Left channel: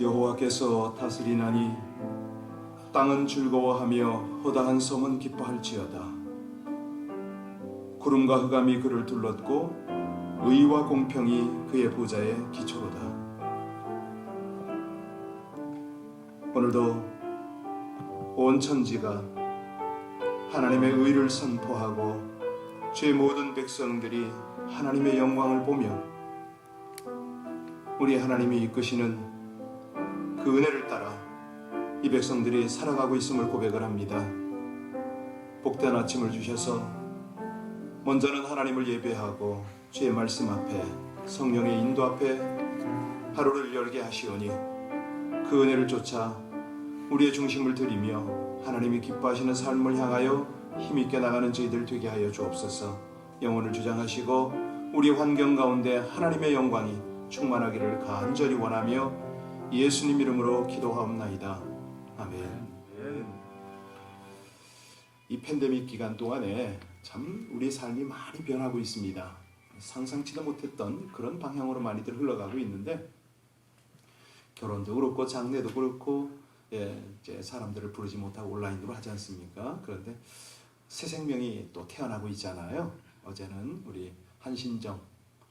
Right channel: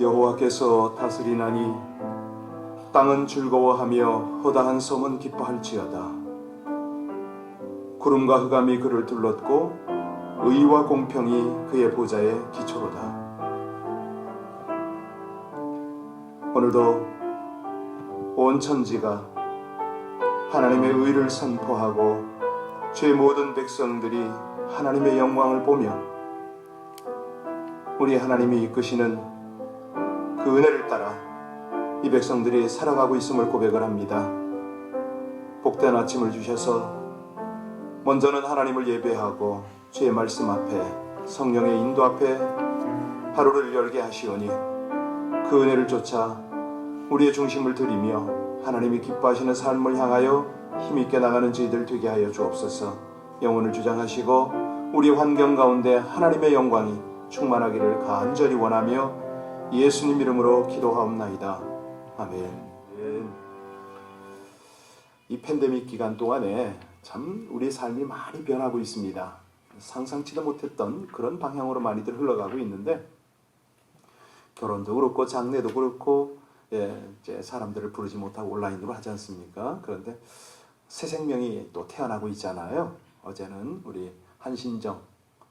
여호와께서 다스리나니 땅은 즐거워하며 허다한 성은 기뻐할지어다. 구름과 흑암이 그를 둘렀고 의와 공평이 그의 보좌의 기초로다. 오늘도 온 천지가 하나님의 의를 선포하고 주의 모든 백성들이 하나님의 영광을 보며 우리 하나님이 이끄시는 그 은혜를 따라 이 백성들이 살아가고 있음을 고백을 합니다. 복된 아침을 주셔서 먼저는 하나님을 예배하고 주의 말씀 앞에 성령의 인도 앞에 하루를 열게 하시오니 그 은혜를 쫓아 우리의 중심을 들이며 하나님이 기뻐하시는 삶을 향하여 힘있게 나가는 저희들 되게 하여 주옵소서. 영혼을 주장하시고 우리 환경 가운데 하나님의 영광이 충만하기를 간절히 원하며 예수님 이름으로 기도하옵나이다. 아멘. 이 팬데믹 기간 동안에 참 우리의 삶이 많이 변하고 있습니다. 상상치도 못했던 그런 방향으로 많이들 흘러가고 있는데 결혼도 그렇고 장례도 그렇고 이제 사람들을 부르지 못하고 온라인으로 하지 않습니까? 그런데 새 생명이 또 태어나고 있잖아요. 어제는 우리 한신정,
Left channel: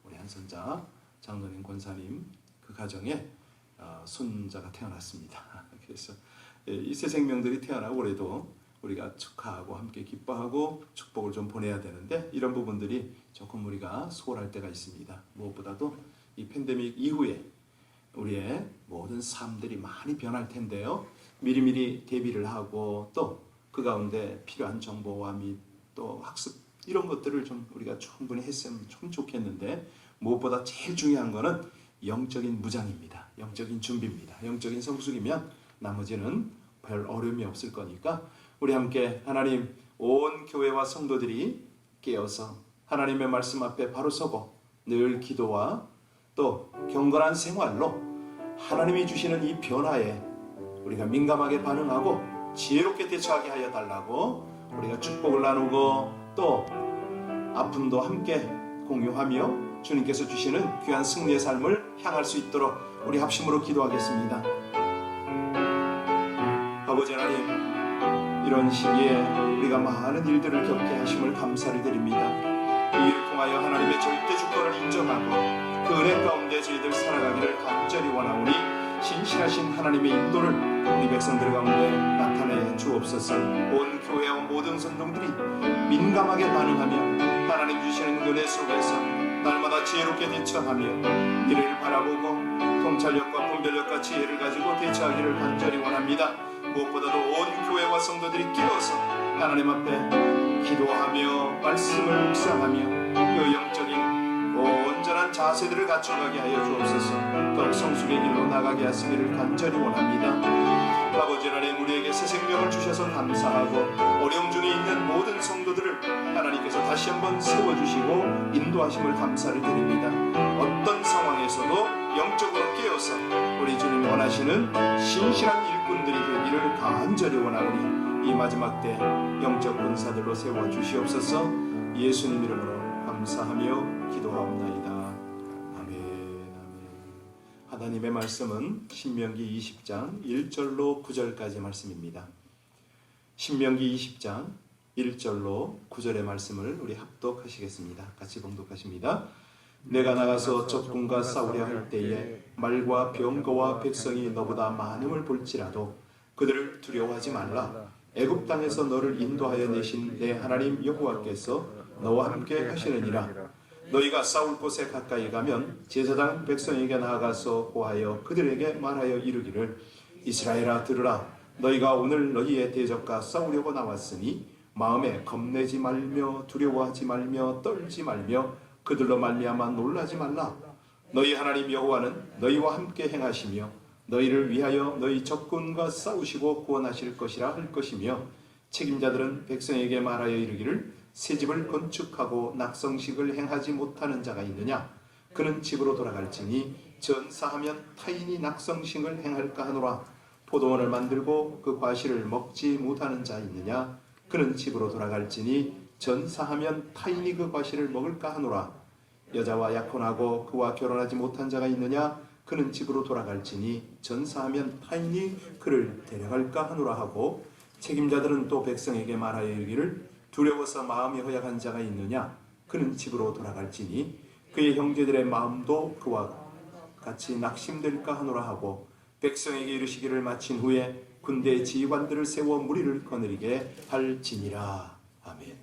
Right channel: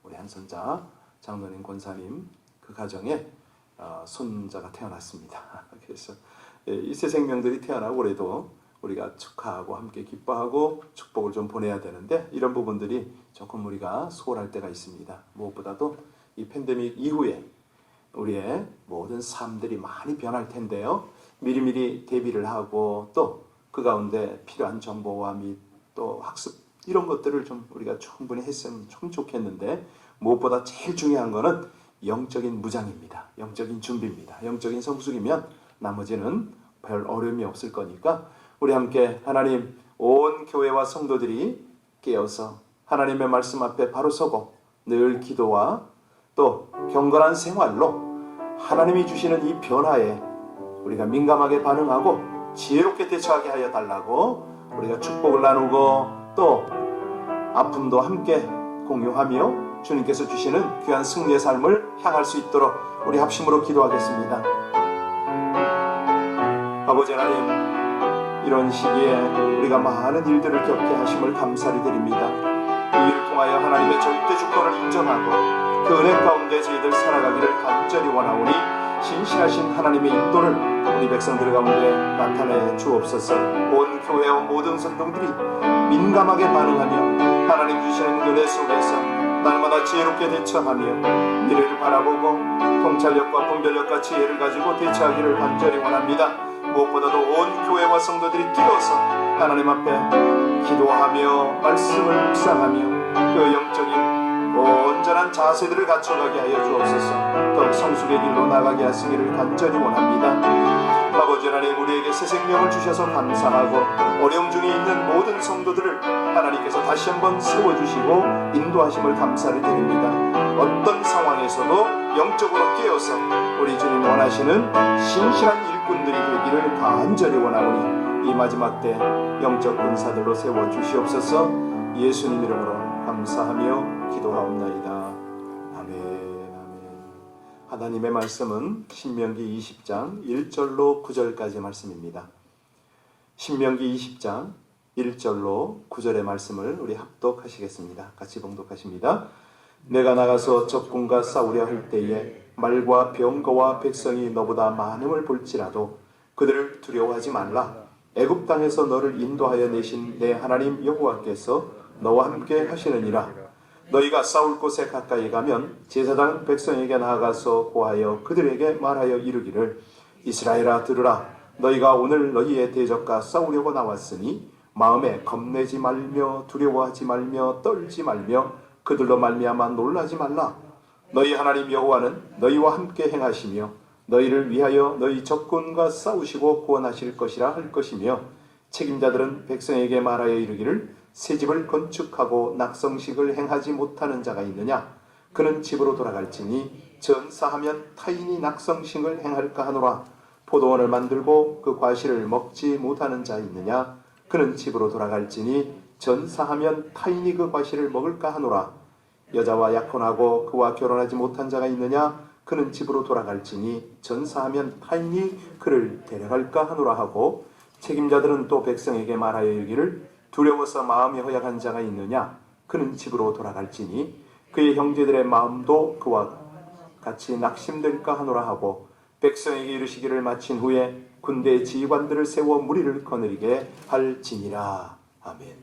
우리 한선자 장로님 권사님 그 가정에 손자가 태어났습니다. 그래서 이 새 생명들이 태어나고 그래도 우리가 축하하고 함께 기뻐하고 축복을 좀 보내야 되는데 이런 부분들이 조금 우리가 소홀할 때가 있습니다. 무엇보다도 이 팬데믹 이후에 우리의 모든 삶들이 많이 변할 텐데요. 미리미리 대비를 하고 또 그 가운데 필요한 정보와 및 또 학습 이런 것들을 좀 우리가 충분히 했으면 좀 좋겠는데 무엇보다 제일 중요한 거는 영적인 무장입니다. 영적인 준비입니다. 영적인 성숙이면 나머지는 별 어려움이 없을 거니까 우리 함께 하나님 온 교회와 성도들이 깨어서 하나님의 말씀 앞에 바로 서고 늘 기도와 또 경건한 생활로 하나님이 주시는 이 변화에 우리가 민감하게 반응하고 지혜롭게 대처하게 하여 달라고 우리가 축복을 나누고 또 아픔도 함께 공유하며 주님께서 주시는 귀한 승리의 삶을 향할 수 있도록 우리 합심으로 기도하겠습니다. 아버지 하나님, 이런 시기에 우리가 많은 일들을 겪게 하심을 감사를 드립니다. 이 일을 통하여 하나님의 절대 주권을 인정하고 그 은혜 가운데 저희들 살아가기를 간절히 원하오니 신실하신 하나님의 인도를 우리 백성들 가운데 나타내 주옵소서. 온 교회와 모든 성도들이 민감하게 반응하며 하나님 주시는 은혜 속에서 날마다 지혜롭게 대처하며 미래를 바라보고 통찰력과 분별력과 지혜를 가지고 대처하기를 간절히 원합니다. 무엇보다도 온 교회와 성도들이 깨어서 하나님 앞에 기도하며 말씀을 묵상하며 그 영적인 온전한 자세들을 갖춰가게 하여 주옵소서. 더욱 성숙의 길로 나가게 하시기를 간절히 원합니다. 아버지 하나님, 우리에게 새 생명을 주셔서 감사하고 어려움 중에 있는 모든 성도들을 하나님께서 다시 한번 세워주시고 인도하심을 감사를 드립니다. 어떤 상황에서도 영적으로 깨어서 우리 주님 원하시는 신실한 일꾼들이 되기를 간절히 원하오니 이 마지막 때 영적 군사들로 세워주시옵소서. 예수님 이름으로 감사하며 기도하옵나이다. 아멘. 하나님의 말씀은 신명기 20장 1절로 9절까지 말씀입니다. 신명기 20장 1절로 9절의 말씀을 우리 합독하시겠습니다. 같이 봉독하십니다. 내가 나가서 적군과 싸우려 할 때에 말과 병거와 백성이 너보다 많음을 볼지라도 그들을 두려워하지 말라. 애굽 땅에서 너를 인도하여 내신 내 하나님 여호와께서 너와 함께 하시느니라. 너희가 싸울 곳에 가까이 가면 제사장 백성에게 나아가서 고하여 그들에게 말하여 이르기를 이스라엘아 들으라. 너희가 오늘 너희의 대적과 싸우려고 나왔으니 마음에 겁내지 말며 두려워하지 말며 떨지 말며 그들로 말미암아 놀라지 말라. 너희 하나님 여호와는 너희와 함께 행하시며 너희를 위하여 너희 적군과 싸우시고 구원하실 것이라 할 것이며 책임자들은 백성에게 말하여 이르기를 새 집을 건축하고 낙성식을 행하지 못하는 자가 있느냐? 그는 집으로 돌아갈지니 전사하면 타인이 낙성식을 행할까 하노라. 포도원을 만들고 그 과실을 먹지 못하는 자 있느냐? 그는 집으로 돌아갈지니 전사하면 타인이 그 과실을 먹을까 하노라. 여자와 약혼하고 그와 결혼하지 못한 자가 있느냐? 그는 집으로 돌아갈지니 전사하면 타인이 그를 데려갈까 하노라 하고 책임자들은 또 백성에게 말하여 이르기를 두려워서 마음이 허약한 자가 있느냐 그는 집으로 돌아갈지니 그의 형제들의 마음도 그와 같이 낙심될까 하노라 하고 백성에게 이르시기를 마친 후에 군대의 지휘관들을 세워 무리를 거느리게 할지니라. 아멘.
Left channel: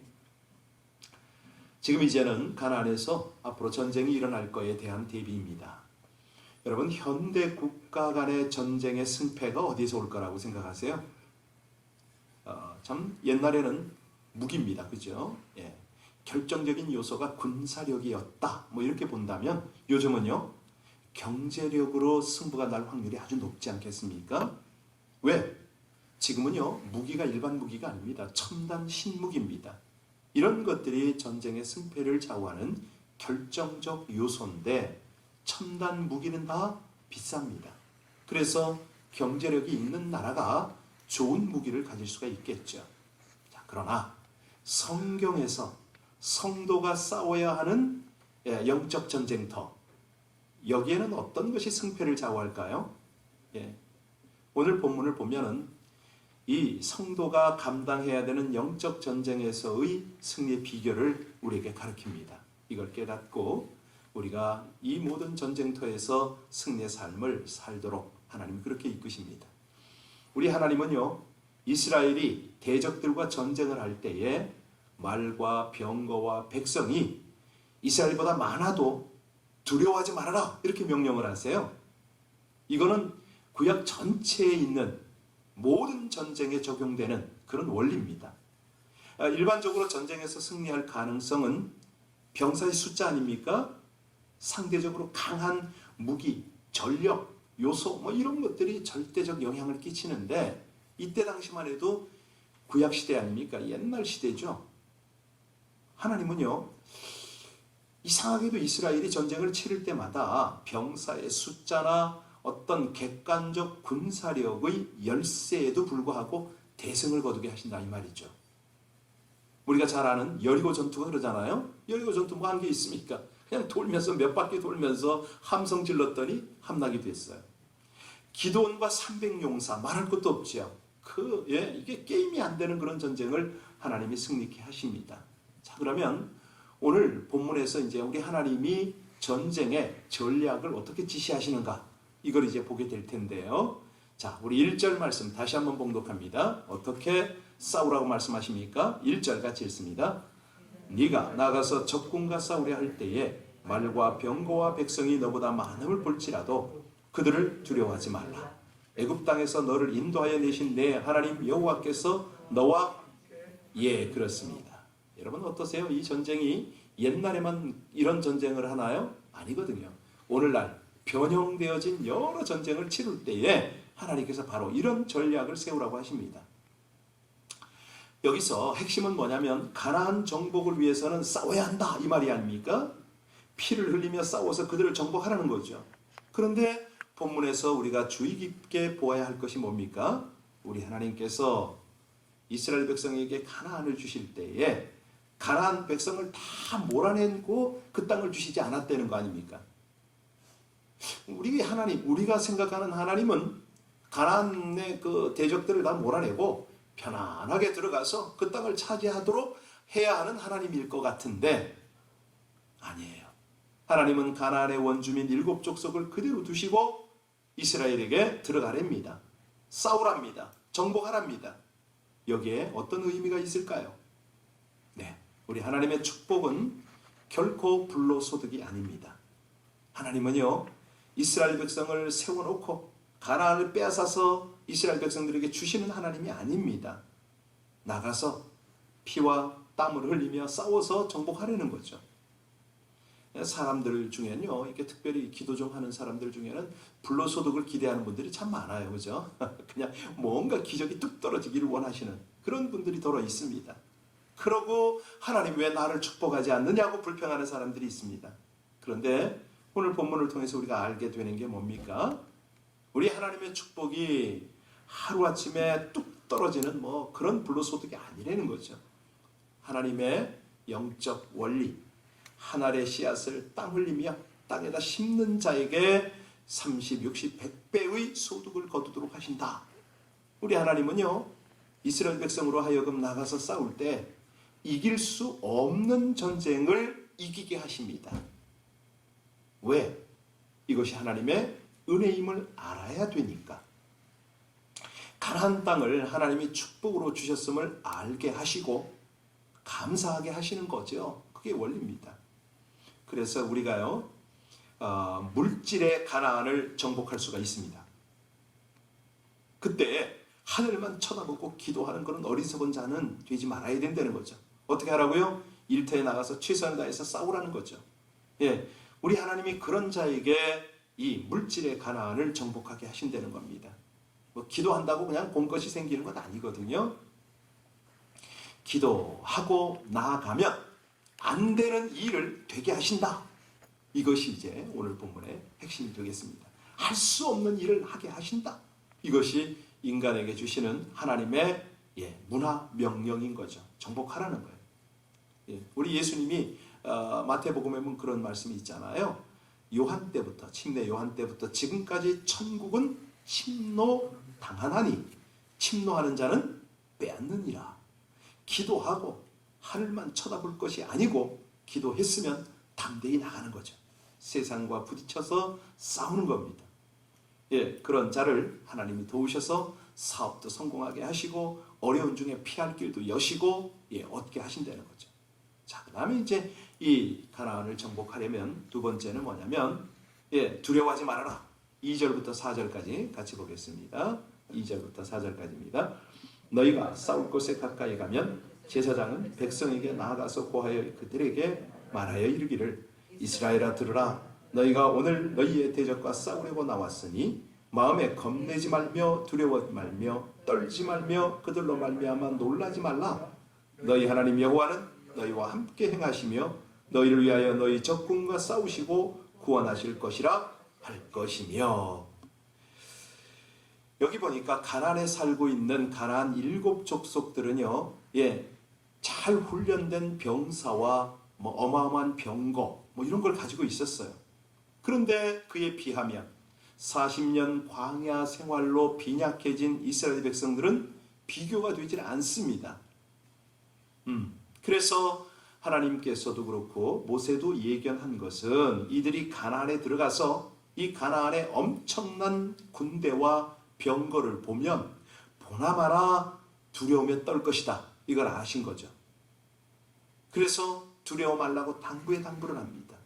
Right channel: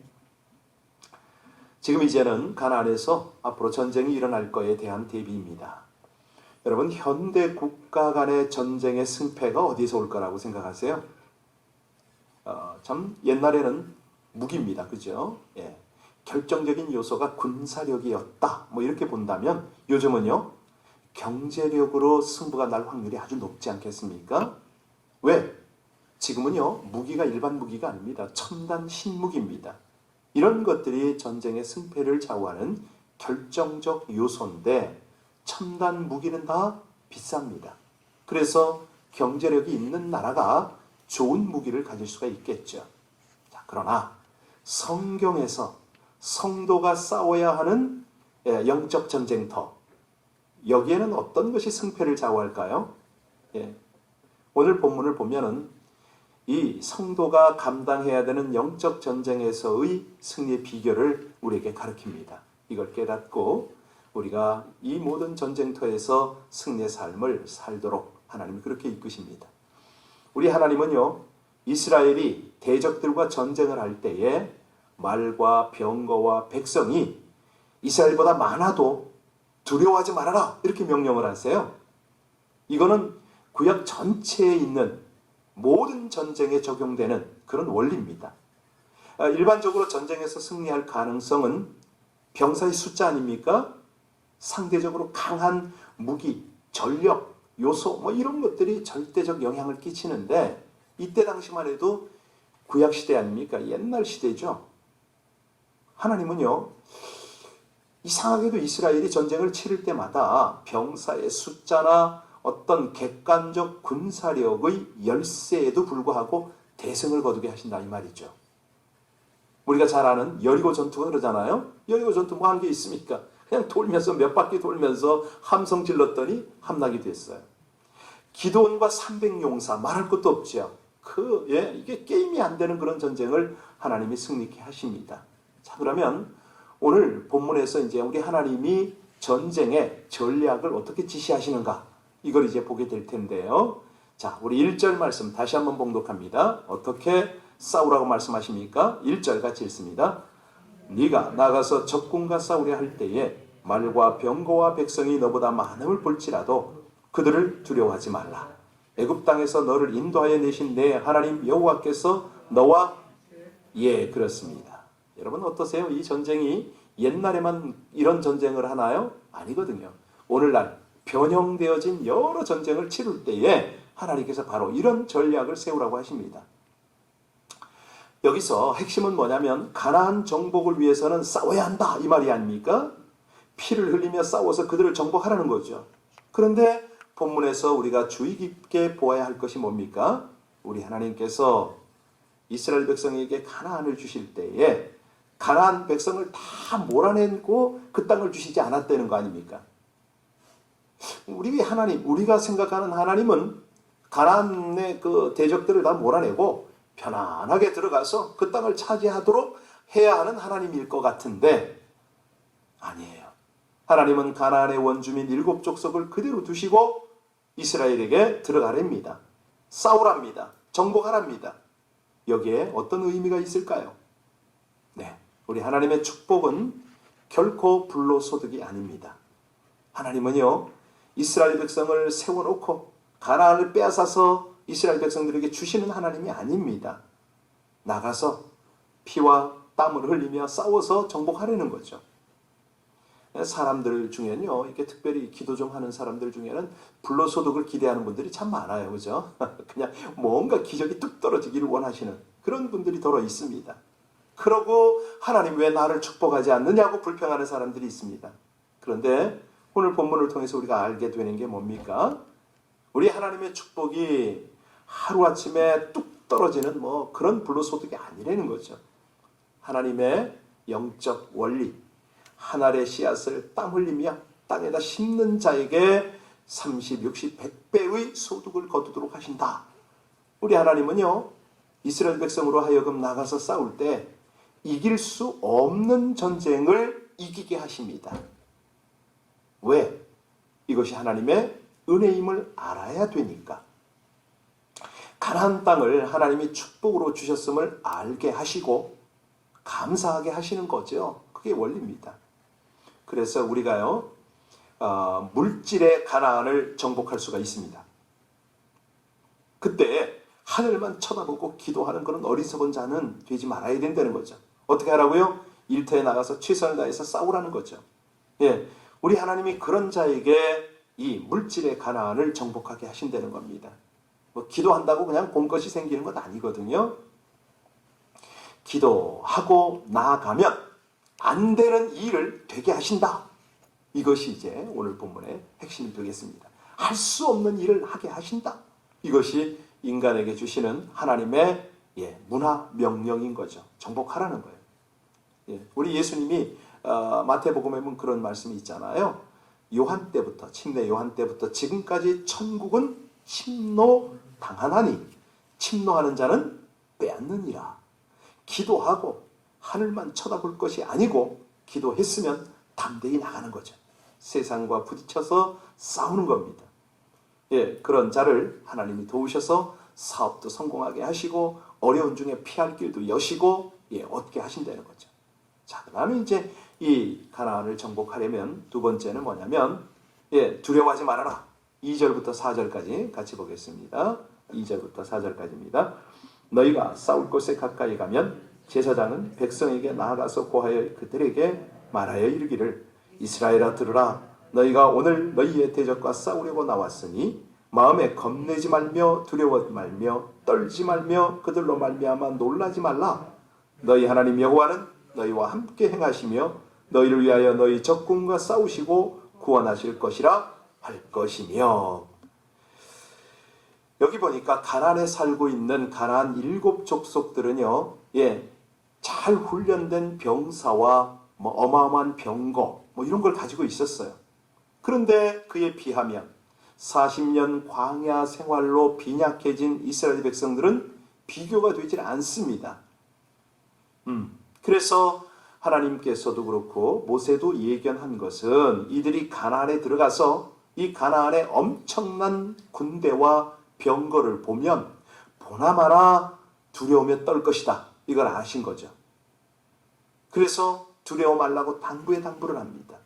지금 이제는 가나안에서 앞으로 전쟁이 일어날 것에 대한 대비입니다. 여러분, 현대 국가 간의 전쟁의 승패가 어디서 올 거라고 생각하세요? 참 옛날에는 무기입니다. 그죠? 예. 결정적인 요소가 군사력이었다. 뭐 이렇게 본다면 요즘은요. 경제력으로 승부가 날 확률이 아주 높지 않겠습니까? 왜? 지금은요. 무기가 일반 무기가 아닙니다. 첨단 신무기입니다. 이런 것들이 전쟁의 승패를 좌우하는 결정적 요소인데 첨단 무기는 다 비쌉니다. 그래서 경제력이 있는 나라가 좋은 무기를 가질 수가 있겠죠. 자, 그러나 성경에서 성도가 싸워야 하는 영적 전쟁터, 여기에는 어떤 것이 승패를 좌우할까요? 예. 오늘 본문을 보면은 이 성도가 감당해야 되는 영적 전쟁에서의 승리의 비결을 우리에게 가르칩니다. 이걸 깨닫고 우리가 이 모든 전쟁터에서 승리의 삶을 살도록 하나님이 그렇게 이끄십니다. 우리 하나님은요, 이스라엘이 대적들과 전쟁을 할 때에 말과 병거와 백성이 이스라엘보다 많아도 두려워하지 말아라 이렇게 명령을 하세요. 이거는 구약 전체에 있는 모든 전쟁에 적용되는 그런 원리입니다. 일반적으로 전쟁에서 승리할 가능성은 병사의 숫자 아닙니까? 상대적으로 강한 무기, 전력, 요소 뭐 이런 것들이 절대적 영향을 끼치는데 이때 당시만 해도 구약시대 아닙니까? 옛날 시대죠. 하나님은요. 이상하게도 이스라엘이 전쟁을 치를 때마다 병사의 숫자나 어떤 객관적 군사력의 열세에도 불구하고 대승을 거두게 하신다 이 말이죠. 우리가 잘 아는 여리고 전투가 그러잖아요. 여리고 전투 뭐 한 게 있습니까? 그냥 돌면서 몇 바퀴 돌면서 함성 질렀더니 함락이 됐어요. 기드온과 300용사 말할 것도 없죠. 이게 게임이 안 되는 그런 전쟁을 하나님이 승리케 하십니다. 자, 그러면 오늘 본문에서 이제 우리 하나님이 전쟁의 전략을 어떻게 지시하시는가 이걸 이제 보게 될 텐데요. 자, 우리 1절 말씀 다시 한번 봉독합니다. 어떻게 싸우라고 말씀하십니까? 1절 같이 읽습니다. 네가 나가서 적군과 싸우려 할 때에 말과 병거와 백성이 너보다 많음을 볼지라도 그들을 두려워하지 말라. 애굽 땅에서 너를 인도하여 내신 내 하나님 여호와께서 너와 그렇습니다. 여러분 어떠세요? 이 전쟁이 옛날에만 이런 전쟁을 하나요? 아니거든요. 오늘날 변형되어진 여러 전쟁을 치를 때에 하나님께서 바로 이런 전략을 세우라고 하십니다. 여기서 핵심은 뭐냐면 가나안 정복을 위해서는 싸워야 한다 이 말이 아닙니까? 피를 흘리며 싸워서 그들을 정복하라는 거죠. 그런데 본문에서 우리가 주의 깊게 보아야 할 것이 뭡니까? 우리 하나님께서 이스라엘 백성에게 가나안을 주실 때에 가나안 백성을 다 몰아내고 그 땅을 주시지 않았다는 거 아닙니까? 우리 하나님, 우리가 생각하는 하나님은 가나안의 그 대적들을 다 몰아내고 편안하게 들어가서 그 땅을 차지하도록 해야 하는 하나님일 것 같은데 아니에요. 하나님은 가나안의 원주민 7족속을 그대로 두시고 이스라엘에게 들어가랍니다. 싸우랍니다. 정복하랍니다. 여기에 어떤 의미가 있을까요? 네, 우리 하나님의 축복은 결코 불로소득이 아닙니다. 하나님은요, 이스라엘 백성을 세워놓고 가나안을 빼앗아서 이스라엘 백성들에게 주시는 하나님이 아닙니다. 나가서 피와 땀을 흘리며 싸워서 정복하려는 거죠. 사람들 중에는요, 이렇게 특별히 기도 좀 하는 사람들 중에는 불로소득을 기대하는 분들이 참 많아요. 그죠? 그냥 뭔가 기적이 뚝 떨어지기를 원하시는 그런 분들이 더러 있습니다. 그러고 하나님 왜 나를 축복하지 않느냐고 불평하는 사람들이 있습니다. 그런데 오늘 본문을 통해서 우리가 알게 되는 게 뭡니까? 우리 하나님의 축복이 하루아침에 뚝 떨어지는 뭐 그런 불로소득이 아니라는 거죠. 하나님의 영적 원리, 한 알의 씨앗을 땀 흘리며 땅에다 심는 자에게 30, 60, 100배의 소득을 거두도록 하신다. 우리 하나님은요, 이스라엘 백성으로 하여금 나가서 싸울 때 이길 수 없는 전쟁을 이기게 하십니다. 왜? 이것이 하나님의 은혜임을 알아야 되니까. 가나안 땅을 하나님이 축복으로 주셨음을 알게 하시고 감사하게 하시는 거죠. 그게 원리입니다. 그래서 우리가요, 물질의 가나안을 정복할 수가 있습니다. 그때 하늘만 쳐다보고 기도하는 그런 어리석은 자는 되지 말아야 된다는 거죠. 어떻게 하라고요? 일터에 나가서 최선을 다해서 싸우라는 거죠. 예, 우리 하나님이 그런 자에게 이 물질의 가나안을 정복하게 하신다는 겁니다. 뭐 기도한다고 그냥 본 것이 생기는 건 아니거든요. 기도하고 나아가면 안 되는 일을 되게 하신다. 이것이 이제 오늘 본문의 핵심이 되겠습니다. 할 수 없는 일을 하게 하신다. 이것이 인간에게 주시는 하나님의 문화 명령인 거죠. 정복하라는 거예요. 우리 예수님이 마태복음에 보면 그런 말씀이 있잖아요. 요한 때부터, 침례 요한 때부터 지금까지 천국은 침노당하나니 침노하는 자는 빼앗느니라. 기도하고 하늘만 쳐다볼 것이 아니고 기도했으면 담대히 나가는 거죠. 세상과 부딪혀서 싸우는 겁니다. 그런 자를 하나님이 도우셔서 사업도 성공하게 하시고 어려운 중에 피할 길도 여시고 얻게 하신다는 거죠. 자, 그 다음에 이제 이 가나안을 정복하려면 두 번째는 뭐냐면 두려워하지 말아라. 2절부터 4절까지 같이 보겠습니다. 2절부터 4절까지입니다. 너희가 싸울 곳에 가까이 가면 제사장은 백성에게 나아가서 고하여 그들에게 말하여 이르기를 이스라엘아 들으라. 너희가 오늘 너희의 대적과 싸우려고 나왔으니 마음에 겁내지 말며 두려워 말며 떨지 말며 그들로 말미암아 놀라지 말라. 너희 하나님 여호와는 너희와 함께 행하시며 너희를 위하여 너희 적군과 싸우시고 구원하실 것이라 할 것이며. 여기 보니까 가나안에 살고 있는 가나안 7 족속들은요, 잘 훈련된 병사와 어마어마한 병거 이런 걸 가지고 있었어요. 그런데 그에 비하면 40년 광야 생활로 빈약해진 이스라엘 백성들은 비교가 되질 않습니다. 그래서 하나님께서도 그렇고 모세도 예견한 것은 이들이 가나안에 들어가서 이 가나안의 엄청난 군대와 병거를 보면 보나마나 두려움에 떨 것이다. 이걸 아신 거죠. 그래서 두려워 말라고 당부를 합니다.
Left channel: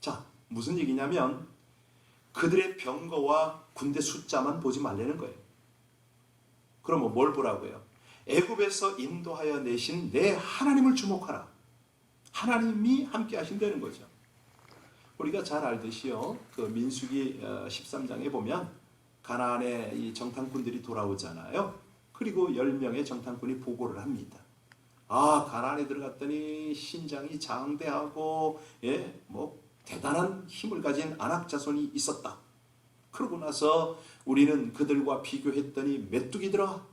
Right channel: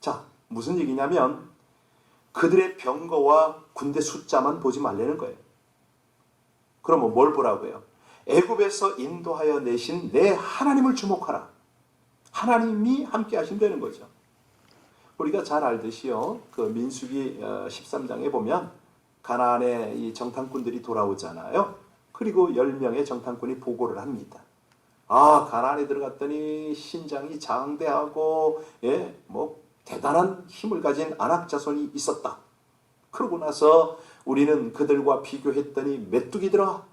자, 무슨 얘기냐면 그들의 병거와 군대 숫자만 보지 말라는 거예요. 그러면 뭘 보라고요? 애굽에서 인도하여 내신 내 하나님을 주목하라. 하나님이 함께 하신다는 거죠. 우리가 잘 알듯이요, 그 민수기 13장에 보면 가나안에 이 정탐꾼들이 돌아오잖아요. 그리고 10명의 정탐꾼이 보고를 합니다. 가나안에 들어갔더니 신장이 장대하고 대단한 힘을 가진 아낙 자손이 있었다. 그러고 나서 우리는 그들과 비교했더니 메뚜기더라.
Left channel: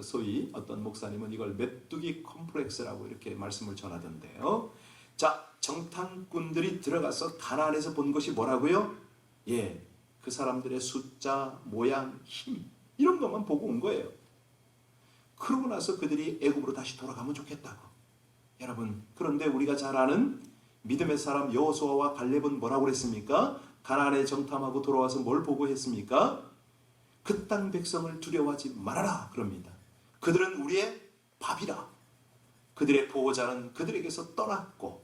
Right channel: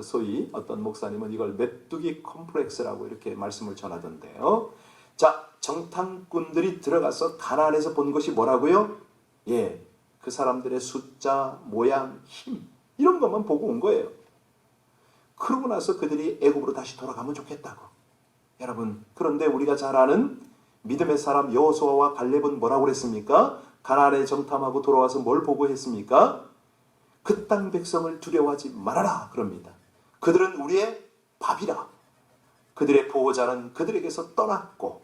소위 어떤 목사님은 이걸 메뚜기 컴플렉스라고 이렇게 말씀을 전하던데요. 자, 정탐꾼들이 들어가서 가나안에서 본 것이 뭐라고요? 그 사람들의 숫자, 모양, 힘 이런 것만 보고 온 거예요. 그러고 나서 그들이 애굽으로 다시 돌아가면 좋겠다고. 여러분, 그런데 우리가 잘 아는 믿음의 사람 여호수아와 갈렙은 뭐라고 그랬습니까? 가나안에 정탐하고 돌아와서 뭘 보고 했습니까? 그 땅 백성을 두려워하지 말아라 그럽니다. 그들은 우리의 밥이라. 그들의 보호자는 그들에게서 떠났고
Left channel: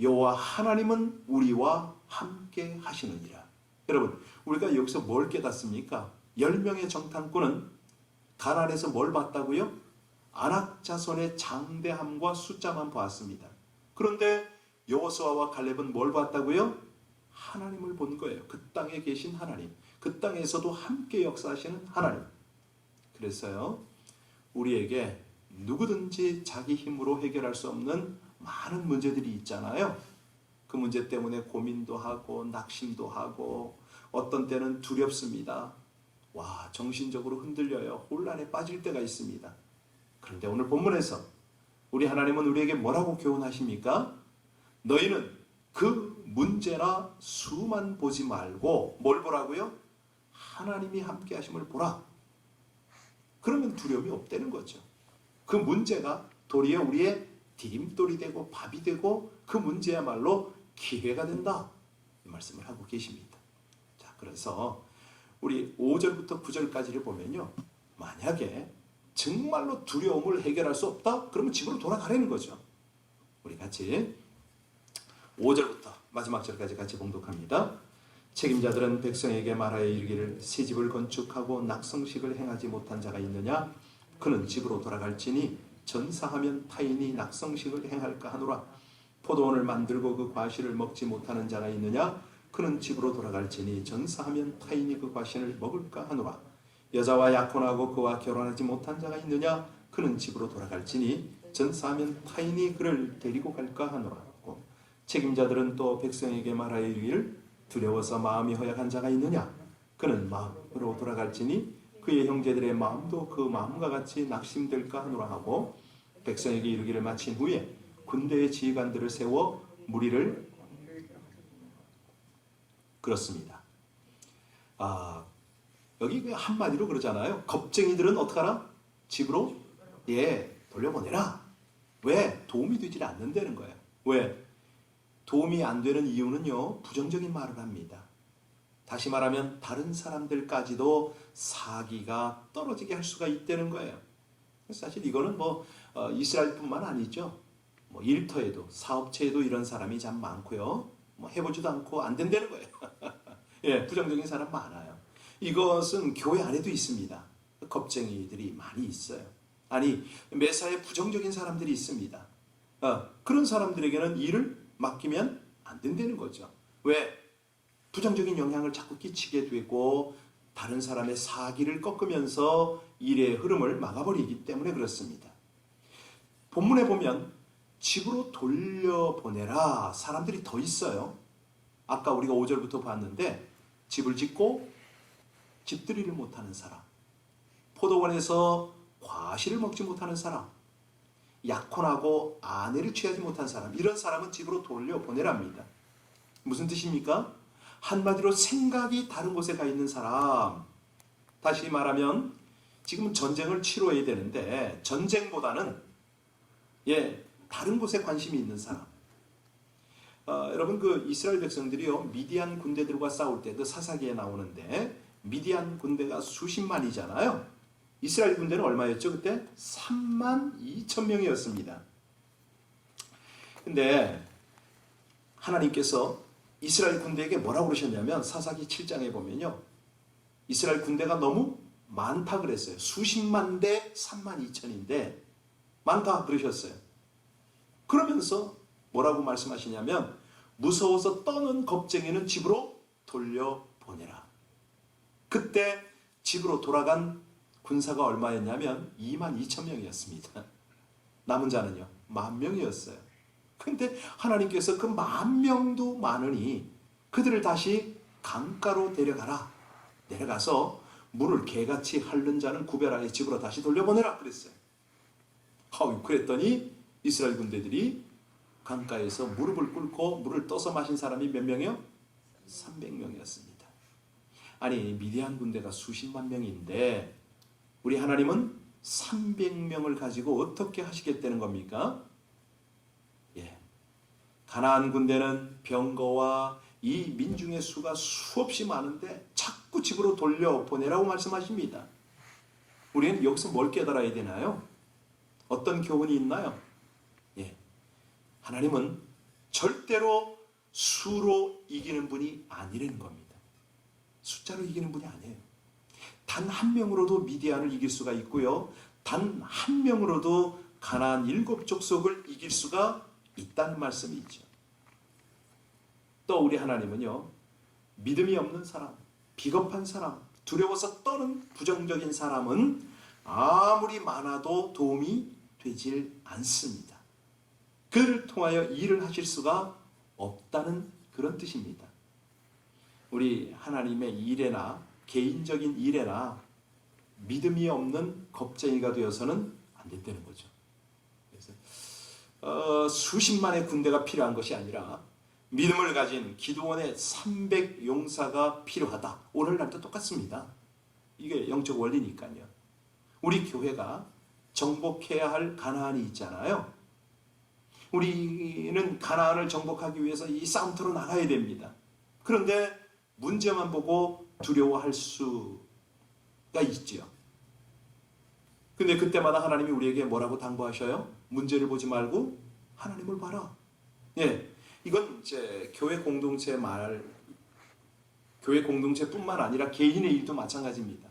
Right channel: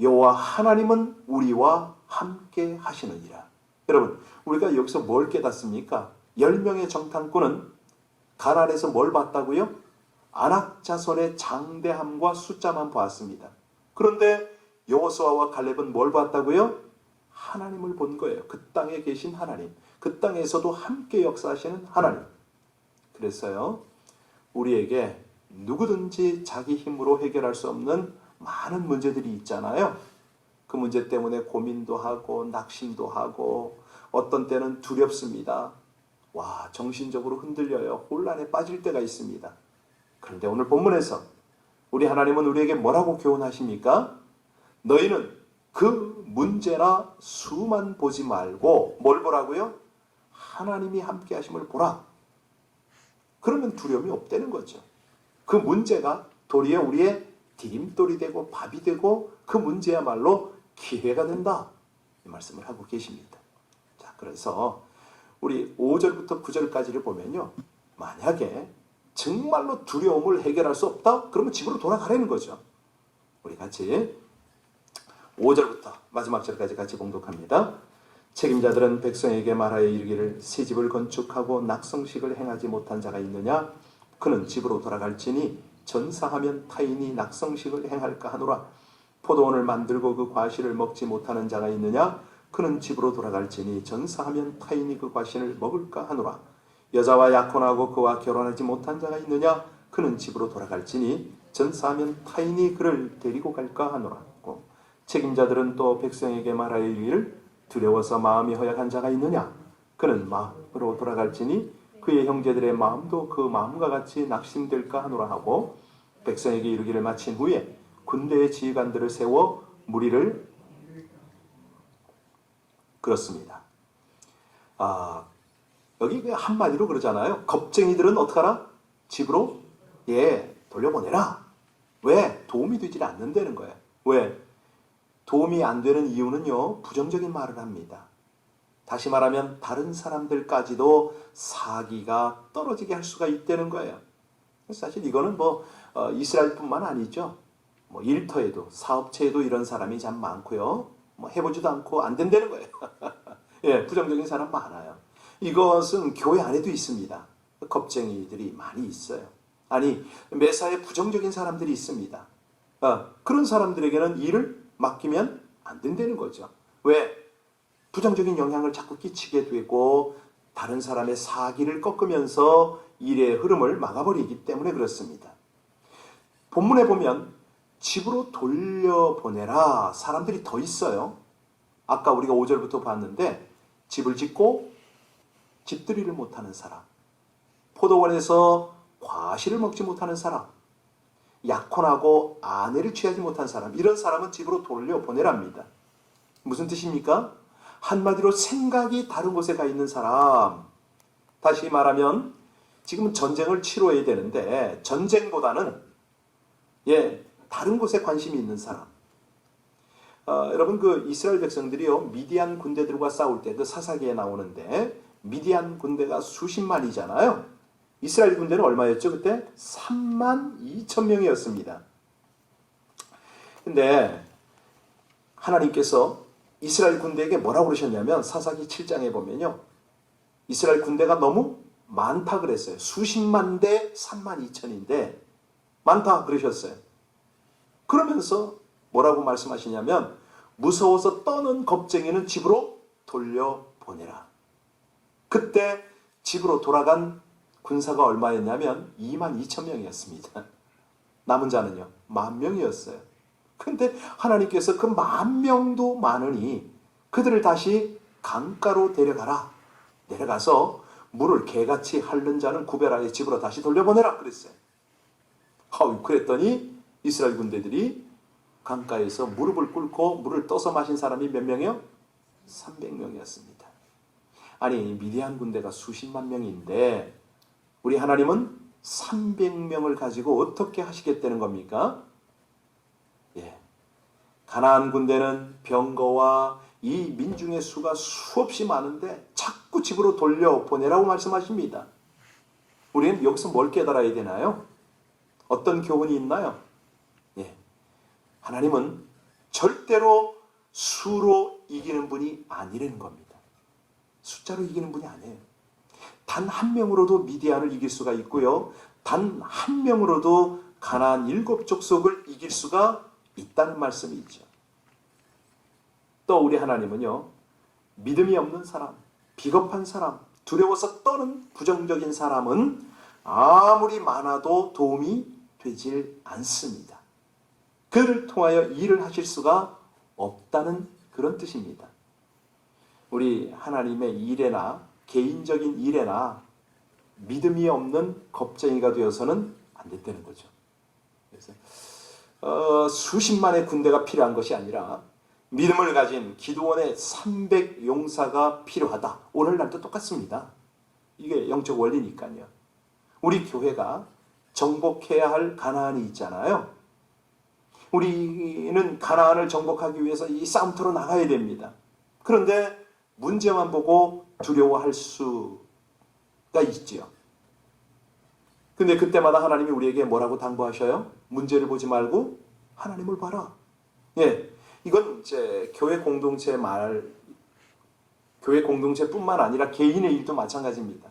여호와 하나님은 우리와 함께 하시느니라. 여러분, 우리가 여기서 뭘 깨닫습니까? 10명의 정탐꾼은 가나안에서 뭘 봤다고요? 아낙 자손의 장대함과 숫자만 보았습니다. 그런데 여호수아와 갈렙은 뭘 봤다고요? 하나님을 본 거예요. 그 땅에 계신 하나님. 그 땅에서도 함께 역사하시는 하나님. 그래서요, 우리에게 누구든지 자기 힘으로 해결할 수 없는 많은 문제들이 있잖아요. 그 문제 때문에 고민도 하고 낙심도 하고 어떤 때는 두렵습니다. 정신적으로 흔들려요. 혼란에 빠질 때가 있습니다. 그런데 오늘 본문에서 우리 하나님은 우리에게 뭐라고 교훈하십니까? 너희는 그 문제나 수만 보지 말고 뭘 보라고요? 하나님이 함께 하심을 보라. 그러면 두려움이 없다는 거죠. 그 문제가 도리어 우리의 디딤돌이 되고 밥이 되고 그 문제야말로 기회가 된다. 이 말씀을 하고 계십니다. 자, 그래서 우리 5절부터 9절까지를 보면요. 만약에 정말로 두려움을 해결할 수 없다? 그러면 집으로 돌아가라는 거죠. 우리 같이 5절부터 마지막 절까지 같이 봉독합니다. 책임자들은 백성에게 말하여 이르기를 새 집을 건축하고 낙성식을 행하지 못한 자가 있느냐? 그는 집으로 돌아갈지니 전사하면 타인이 낙성식을 행할까 하노라. 포도원을 만들고 그 과실을 먹지 못하는 자가 있느냐? 그는 집으로 돌아갈지니 전사하면 타인이 그 과실을 먹을까 하노라. 여자와 약혼하고 그와 결혼하지 못한 자가 있느냐? 그는 집으로 돌아갈지니 전사하면 타인이 그를 데리고 갈까 하노라. 책임자들은 또 백성에게 말하여 이르기를 두려워서 마음이 허약한 자가 있느냐? 그는 마음으로 돌아갈지니 그의 형제들의 마음도 그 마음과 같이 낙심될까 하노라 하고 백성에게 이르기를 마친 후에 군대의 지휘관들을 세워 무리를 그렇습니다. 여기 한마디로 그러잖아요. 겁쟁이들은 어떡하라? 집으로 돌려보내라. 왜? 도움이 되질 않는다는 거예요. 왜? 도움이 안 되는 이유는요, 부정적인 말을 합니다. 다시 말하면 다른 사람들까지도 사기가 떨어지게 할 수가 있다는 거예요. 사실 이거는 이스라엘뿐만 아니죠. 일터에도 사업체에도 이런 사람이 참 많고요. 해보지도 않고 안 된다는 거예요. 예, 부정적인 사람 많아요. 이것은 교회 안에도 있습니다. 겁쟁이들이 많이 있어요. 아니, 매사에 부정적인 사람들이 있습니다. 그런 사람들에게는 일을 맡기면 안 된다는 거죠. 왜? 부정적인 영향을 자꾸 끼치게 되고 다른 사람의 사기를 꺾으면서 일의 흐름을 막아버리기 때문에 그렇습니다. 본문에 보면 집으로 돌려보내라 사람들이 더 있어요. 아까 우리가 5절부터 봤는데 집을 짓고 집들이를 못하는 사람, 포도원에서 과실을 먹지 못하는 사람, 약혼하고 아내를 취하지 못한 사람, 이런 사람은 집으로 돌려보내랍니다. 무슨 뜻입니까? 한마디로 생각이 다른 곳에 가 있는 사람. 다시 말하면 지금은 전쟁을 치러야 되는데 전쟁보다는 다른 곳에 관심이 있는 사람. 여러분 그 이스라엘 백성들이요 미디안 군대들과 싸울 때 그 사사기에 나오는데 미디안 군대가 수십만이잖아요. 이스라엘 군대는 얼마였죠? 그때 32,000명이었습니다. 근데 하나님께서 이스라엘 군대에게 뭐라고 그러셨냐면 사사기 7장에 보면요. 이스라엘 군대가 너무 많다 그랬어요. 수십만 대 32,000인데 많다 그러셨어요. 그러면서 뭐라고 말씀하시냐면 무서워서 떠는 겁쟁이는 집으로 돌려보내라. 그때 집으로 돌아간 군사가 얼마였냐면 22,000명이었습니다. 남은 자는요 10,000명이었어요. 근데 하나님께서 그 10,000명도 많으니 그들을 다시 강가로 데려가라. 내려가서 물을 개같이 핥는 자는 구별하여 집으로 다시 돌려보내라 그랬어요. 그랬더니 이스라엘 군대들이 강가에서 무릎을 꿇고 물을 떠서 마신 사람이 몇 명이요? 300명이었습니다. 아니 미디안 군대가 수십만 명인데 우리 하나님은 300명을 가지고 어떻게 하시겠다는 겁니까? 가나안 군대는 병거와 이 민중의 수가 수없이 많은데 자꾸 집으로 돌려보내라고 말씀하십니다. 우리는 여기서 뭘 깨달아야 되나요? 어떤 교훈이 있나요? 하나님은 절대로 수로 이기는 분이 아니라는 겁니다. 숫자로 이기는 분이 아니에요. 단 한 명으로도 미디안을 이길 수가 있고요. 단 한 명으로도 가나안 7족속을 이길 수가 있다는 말씀이죠. 또 우리 하나님은요. 믿음이 없는 사람, 비겁한 사람, 두려워서 떠는 부정적인 사람은 아무리 많아도 도움이 되질 않습니다. 그를 통하여 일을 하실 수가 없다는 그런 뜻입니다. 우리 하나님의 일에나 개인적인 일에나 믿음이 없는 겁쟁이가 되어서는 안 된다는 거죠. 그래서 수십만의 군대가 필요한 것이 아니라 믿음을 가진 기도원의 300용사가 필요하다. 오늘날도 똑같습니다. 이게 영적 원리니까요. 우리 교회가 정복해야 할 가나안이 있잖아요. 우리는 가나안을 정복하기 위해서 이 싸움터로 나가야 됩니다. 그런데 문제만 보고 두려워할 수가 있지요. 근데 그때마다 하나님이 우리에게 뭐라고 당부하셔요? 문제를 보지 말고 하나님을 봐라. 예, 이건 이제 교회 공동체뿐만 아니라 개인의 일도 마찬가지입니다.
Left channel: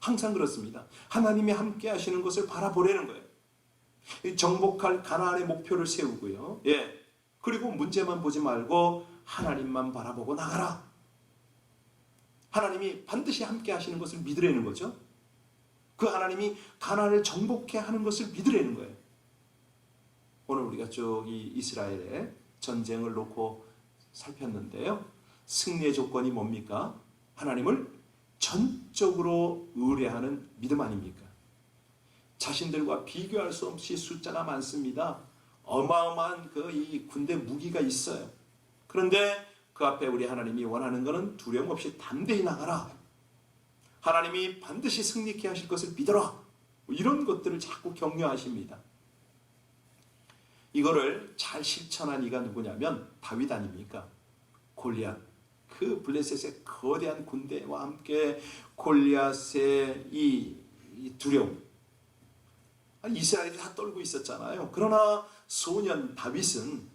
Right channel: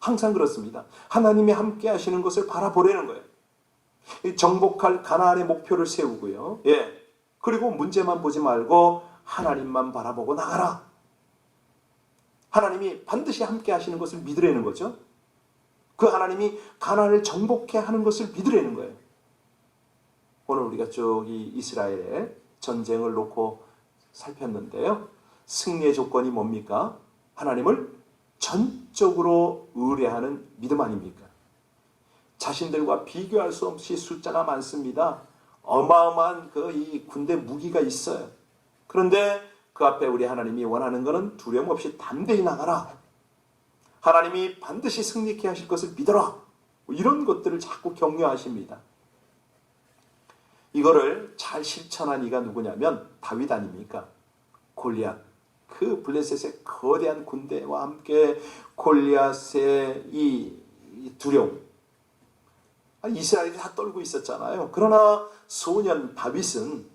항상 그렇습니다. 하나님이 함께 하시는 것을 바라보려는 거예요. 정복할 가나안의 목표를 세우고요. 예, 그리고 문제만 보지 말고 하나님만 바라보고 나가라. 하나님이 반드시 함께 하시는 것을 믿으라는 거죠. 그 하나님이 가나안을 정복해 하는 것을 믿으라는 거예요. 오늘 우리가 쭉 이 이스라엘의 전쟁을 놓고 살폈는데요. 승리의 조건이 뭡니까? 하나님을 전적으로 의뢰하는 믿음 아닙니까? 자신들과 비교할 수 없이 숫자가 많습니다. 어마어마한 이 군대 무기가 있어요. 그런데 그 앞에 우리 하나님이 원하는 것은 두려움 없이 담대히 나가라. 하나님이 반드시 승리케 하실 것을 믿어라. 이런 것들을 자꾸 격려하십니다. 이거를 잘 실천한 이가 누구냐면 다윗 아닙니까? 골리앗. 그 블레셋의 거대한 군대와 함께 골리앗의 이 두려움. 이스라엘이 다 떨고 있었잖아요. 그러나 소년 다윗은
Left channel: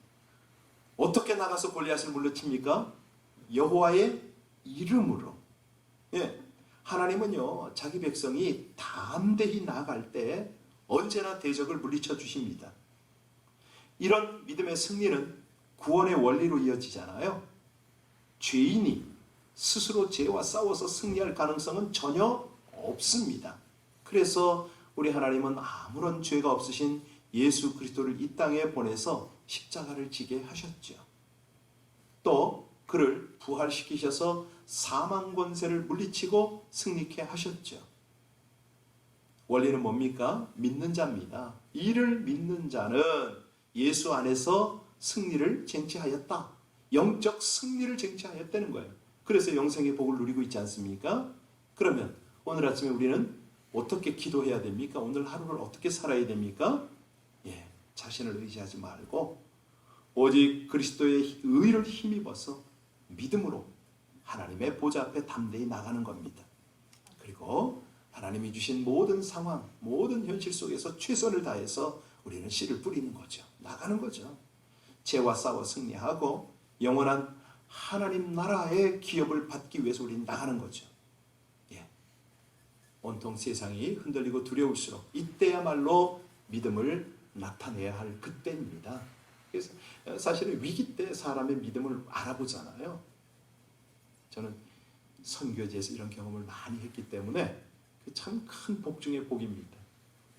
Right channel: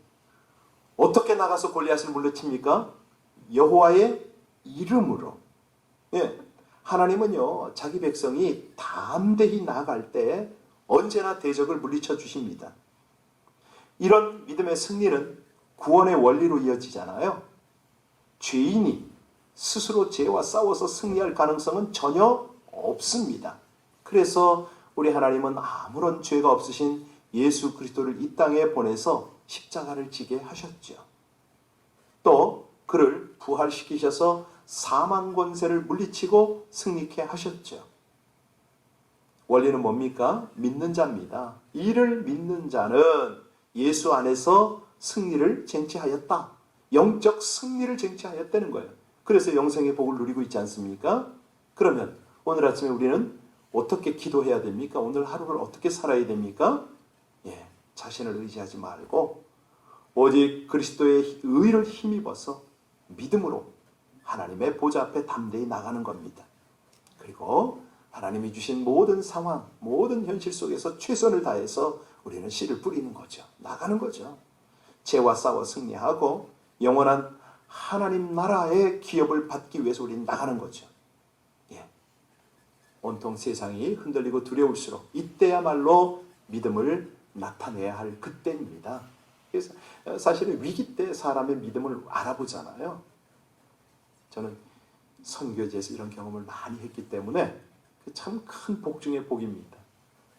어떻게 나가서 골리앗을 물리칩니까? 여호와의 이름으로. 예, 하나님은요, 자기 백성이 담대히 나아갈 때 언제나 대적을 물리쳐 주십니다. 이런 믿음의 승리는 구원의 원리로 이어지잖아요. 죄인이 스스로 죄와 싸워서 승리할 가능성은 전혀 없습니다. 그래서 우리 하나님은 아무런 죄가 없으신 예수 그리스도를 이 땅에 보내서 십자가를 지게 하셨죠. 또 그를 부활시키셔서 사망 권세를 물리치고 승리케 하셨죠. 원리는 뭡니까? 믿는 자입니다. 이를 믿는 자는 예수 안에서 승리를 쟁취하였다. 영적 승리를 쟁취하였다는 거예요. 그래서 영생의 복을 누리고 있지 않습니까? 그러면 오늘 아침에 우리는 어떻게 기도해야 됩니까? 오늘 하루를 어떻게 살아야 됩니까? 예, 자신을 의지하지 말고 오직 그리스도의 의를 힘입어서 믿음으로 하나님의 보좌 앞에 담대히 나가는 겁니다. 그리고 하나님이 주신 모든 상황, 모든 현실 속에서 최선을 다해서 우리는 씨를 뿌리는 거죠. 나가는 거죠. 죄와 싸워 승리하고 영원한 하나님 나라의 기업을 받기 위해서 우리는 나가는 거죠. 예. 온통 세상이 흔들리고 두려울수록 이때야말로 믿음을 나타내야 할 그때입니다. 그래서 사실은 위기 때 사람의 믿음을 알아보잖아요. 저는 선교지에서 이런 경험을 많이 했기 때문에 참 큰 복 중의 복입니다.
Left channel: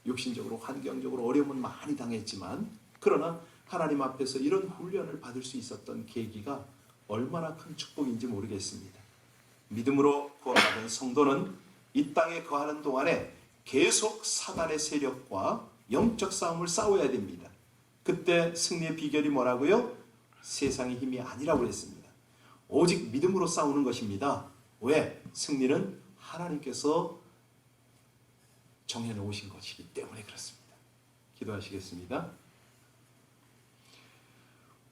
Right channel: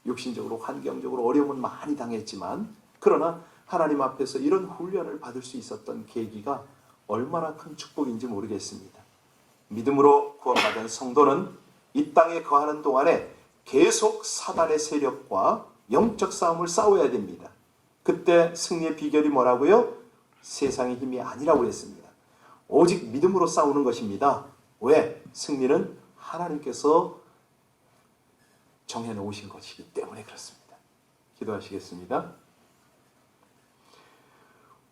육신적으로 환경적으로 어려움은 많이 당했지만 그러나 하나님 앞에서 이런 훈련을 받을 수 있었던 계기가 얼마나 큰 축복인지 모르겠습니다. 믿음으로 구원받은 성도는 이 땅에 거하는 동안에 계속 사단의 세력과 영적 싸움을 싸워야 됩니다. 그때 승리의 비결이 뭐라고요? 세상의 힘이 아니라고 했습니다. 오직 믿음으로 싸우는 것입니다. 왜? 승리는 하나님께서 정해놓으신 것이기 때문에 그렇습니다. 기도하시겠습니다.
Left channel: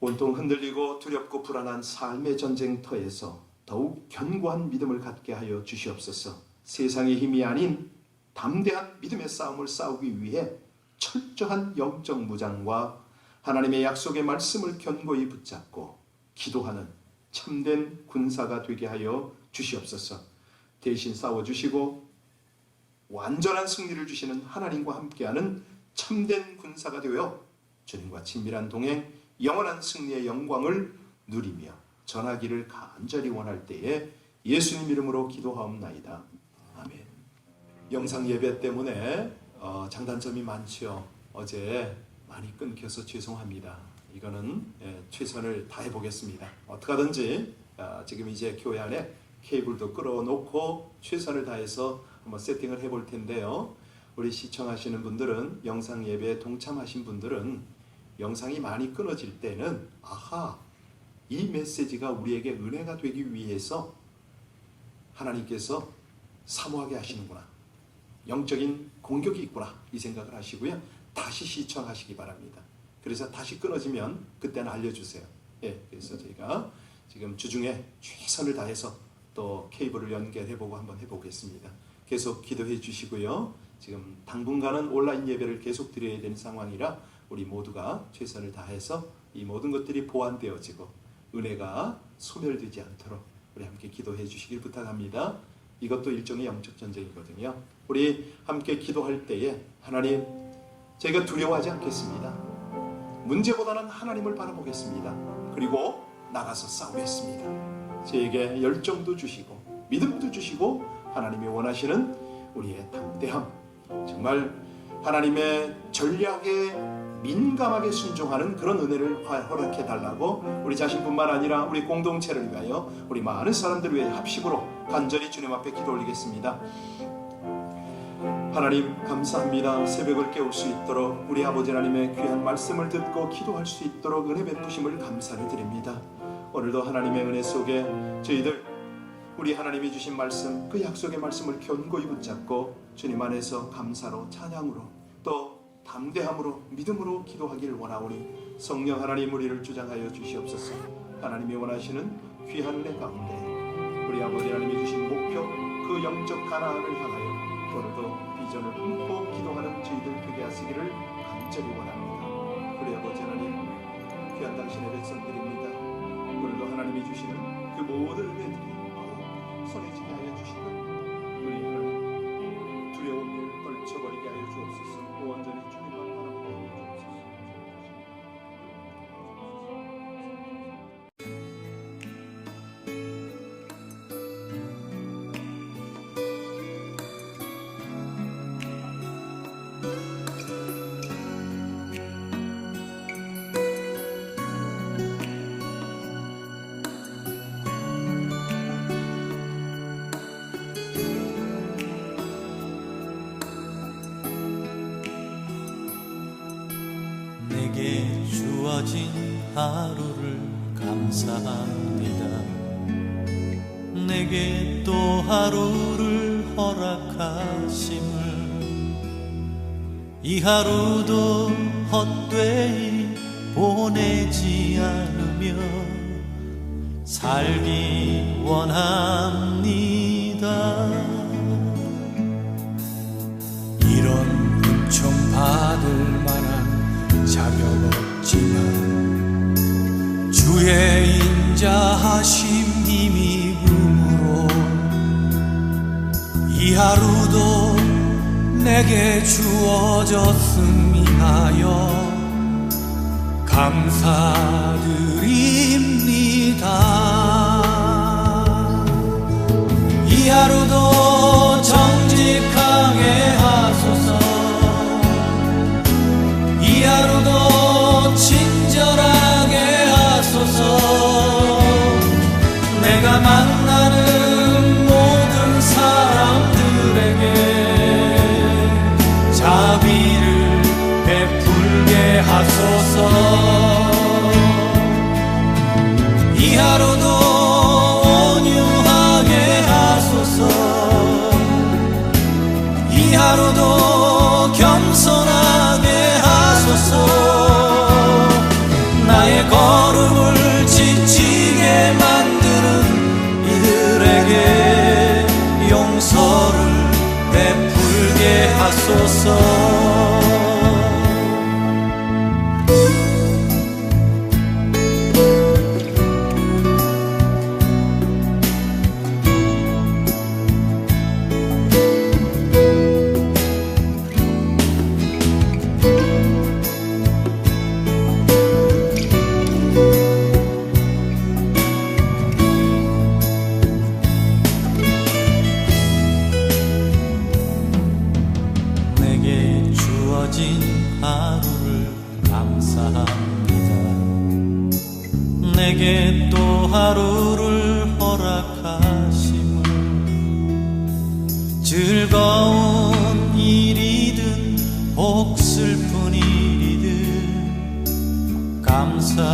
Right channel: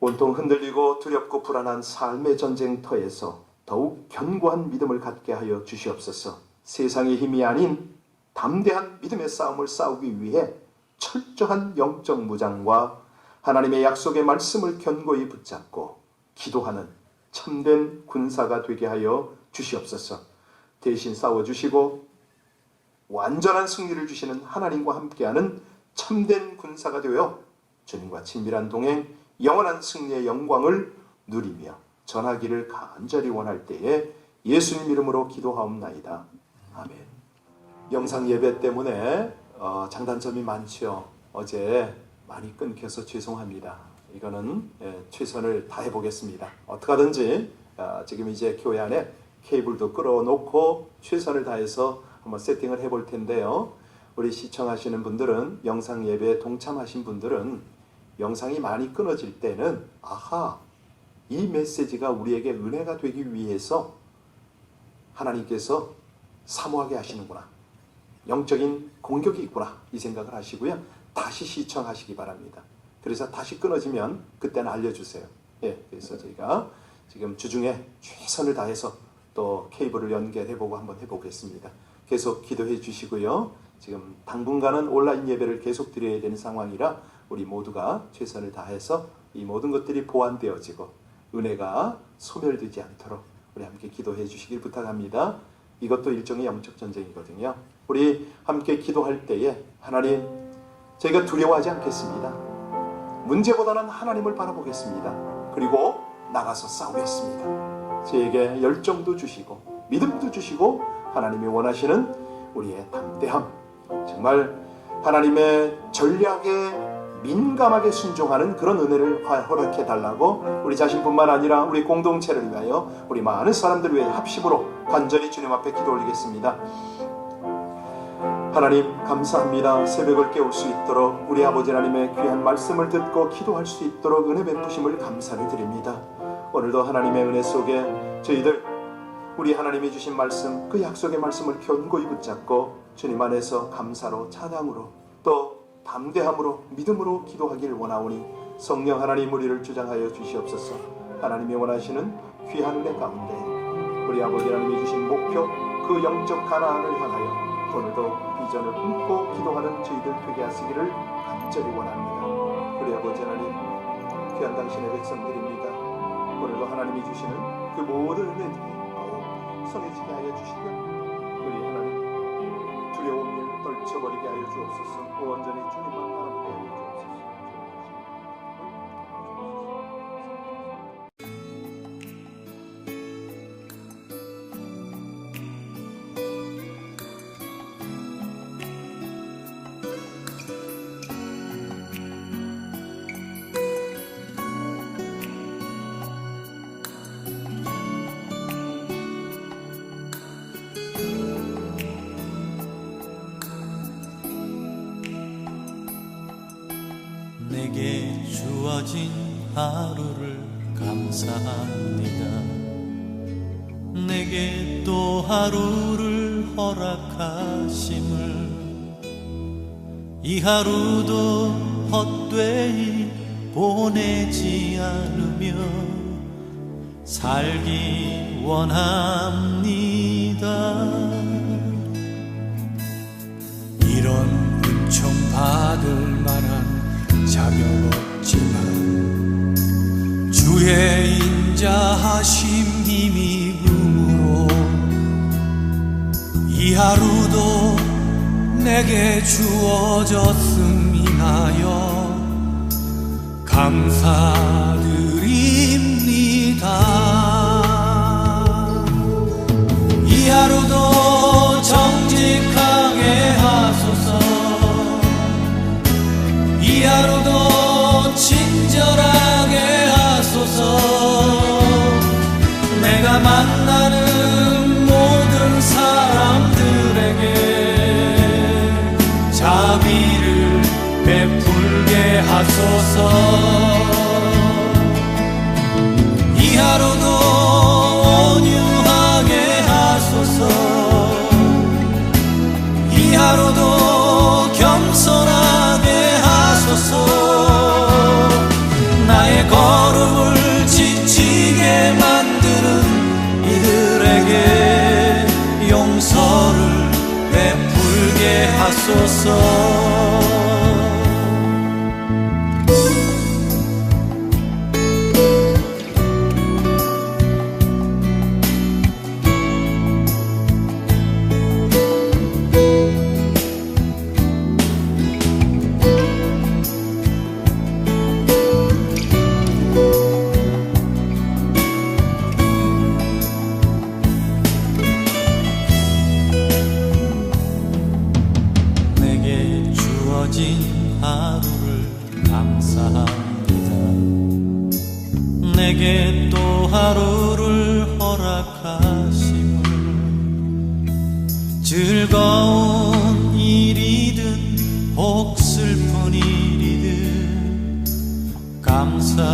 온통 흔들리고 두렵고 불안한 삶의 전쟁터에서 더욱 견고한 믿음을 갖게 하여 주시옵소서. 세상의 힘이 아닌 담대한 믿음의 싸움을 싸우기 위해 철저한 영적 무장과 하나님의 약속의 말씀을 견고히 붙잡고 기도하는 참된 군사가 되게 하여 주시옵소서. 대신 싸워주시고 완전한 승리를 주시는 하나님과 함께하는 참된 군사가 되어 주님과 친밀한 동행, 영원한 승리의 영광을 누리며 전하기를 간절히 원할 때에 예수님 이름으로 기도하옵나이다. 아멘. 영상 예배 때문에 장단점이 많죠. 어제 많이 끊겨서 죄송합니다. 이거는 최선을 다해 보겠습니다. 어떻게 하든지 지금 이제 교회 안에 케이블도 끌어놓고 최선을 다해서 한번 세팅을 해볼 텐데요. 우리 시청하시는 분들은, 영상 예배에 동참하신 분들은 영상이 많이 끊어질 때는 아하, 이 메시지가 우리에게 은혜가 되기 위해서 하나님께서 사모하게 하시는구나, 영적인 공격이 있구나, 이 생각을 하시고요. 다시 시청하시기 바랍니다. 그래서 다시 끊어지면 그때는 알려주세요. 그래서 저희가 지금 주중에 최선을 다해서 또 케이블을 연결해보고 한번 해보겠습니다. 계속 기도해 주시고요. 지금 당분간은 온라인 예배를 계속 드려야 되는 상황이라 우리 모두가 최선을 다해서 이 모든 것들이 보완되어지고 은혜가 소멸되지 않도록 우리 함께 기도해 주시길 부탁합니다. 이것도 일종의 영적 전쟁이거든요. 우리 함께 기도할 때에 하나님, 저희가 두려워하지 않겠습니다. 문제보다는 하나님을 바라보겠습니다. 그리고 나가서 싸우겠습니다. 저에게 열정도 주시고 믿음도 주시고 하나님이 원하시는 우리의 담대함, 정말 하나님의 전략에 민감하게 순종하는 그런 은혜를 허락해 달라고 우리 자신뿐만 아니라 우리 공동체를 위하여 우리 많은 사람들을 위해 합심으로 간절히 주님 앞에 기도 올리겠습니다. 하나님 감사합니다. 새벽을 깨울 수 있도록 우리 아버지 하나님의 귀한 말씀을 듣고 기도할 수 있도록 은혜 베푸심을 감사를 드립니다. 오늘도 하나님의 은혜 속에 저희들 우리 하나님이 주신 말씀, 그 약속의 말씀을 견고히 붙잡고 주님 안에서 감사로, 찬양으로, 또 담대함으로, 믿음으로 기도하기를 원하오니 성령 하나님 우리를 주장하여 주시옵소서. 하나님이 원하시는 귀한 은혜 가운데 우리 아버지 하나님이 주신 목표, 그 영적 가나안을 향하여 오늘도 비전을 품고 기도하는 저희들 되게 하시기를 간절히 원합니다. 우리 아버지 하나님, 귀한 당신의 백성들입니다. 오늘도 하나님이 주시는 그 모든 은혜들이 더욱 성해지게 하여 주시며 우리 하나님 두려운 일 떨쳐버리게 하여 주옵소서. 온전히 주님만 바라보게 하여 주옵소서. 내게 주어진 하루를 감사합니다. 내게 또 하루를 허락하심을, 이 하루도 헛되이 보내지 않으며 살기 원합니다. 이런 은총 받을 만한 자격 없지만 주의 인자하심 힘입음으로 이 하루도 내게 주어졌음 인하여 감사드립니다. 이 하루도 정직하게 하소서. 이 하루도 친절하게 하소서. 내가 만나는 모든 사람들에게 자비를 베풀게 하소서. 이 하루도 온유하게 하소서. 이 하루도 겸손하게 하소서. 나의 걸음을 지치게 만드는 이들에게 용서를 베풀게 하소서. 하루를 감사합니다. 내게 또 하루를 허락하심을, 즐거운 일이든 혹 슬픈 일이든 감사드립니다.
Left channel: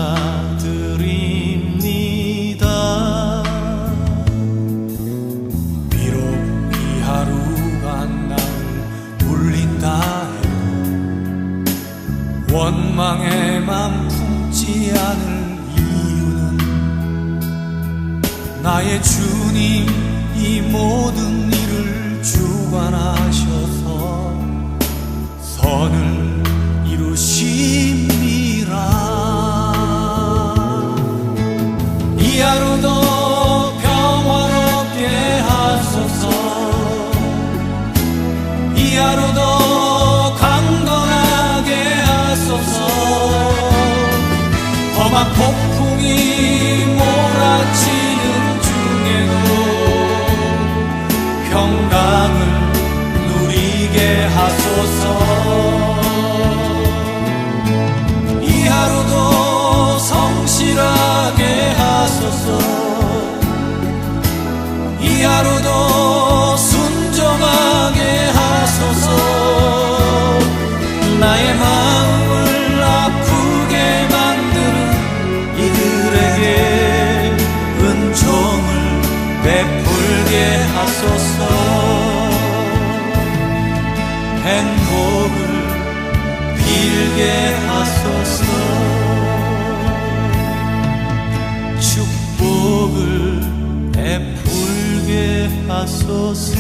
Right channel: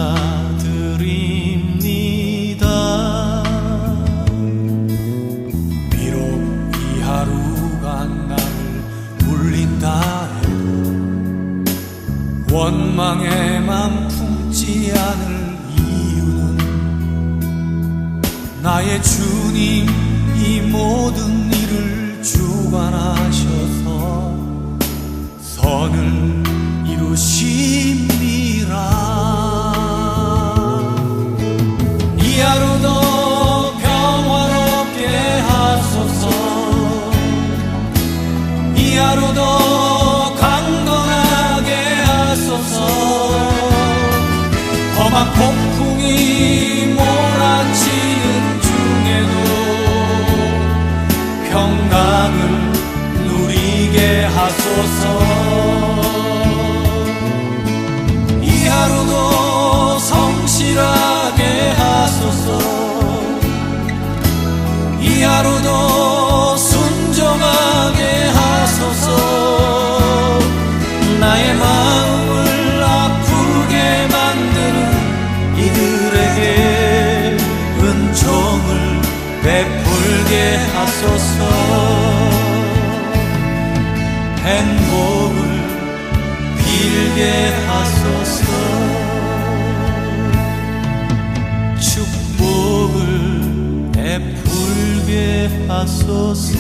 방에만 품지 않을 이유는 나의 주님 이 모든 일을 주관하셔서 선을 이루심이라. 이 하루도 평화롭게 하소서. 이 하루도 강건하게 하소서. 험한 폭풍이 몰아치는 중에도 평강을 누리게 하소서. 이 하루도 성실하게 하소서. 이 하루도 순종하게 하소서. 나의 마음을 아프게 만드는 이들에게 은총을 베풀게 하소서. 행복을 빌게 하소서. 축복을 베풀게 하소서.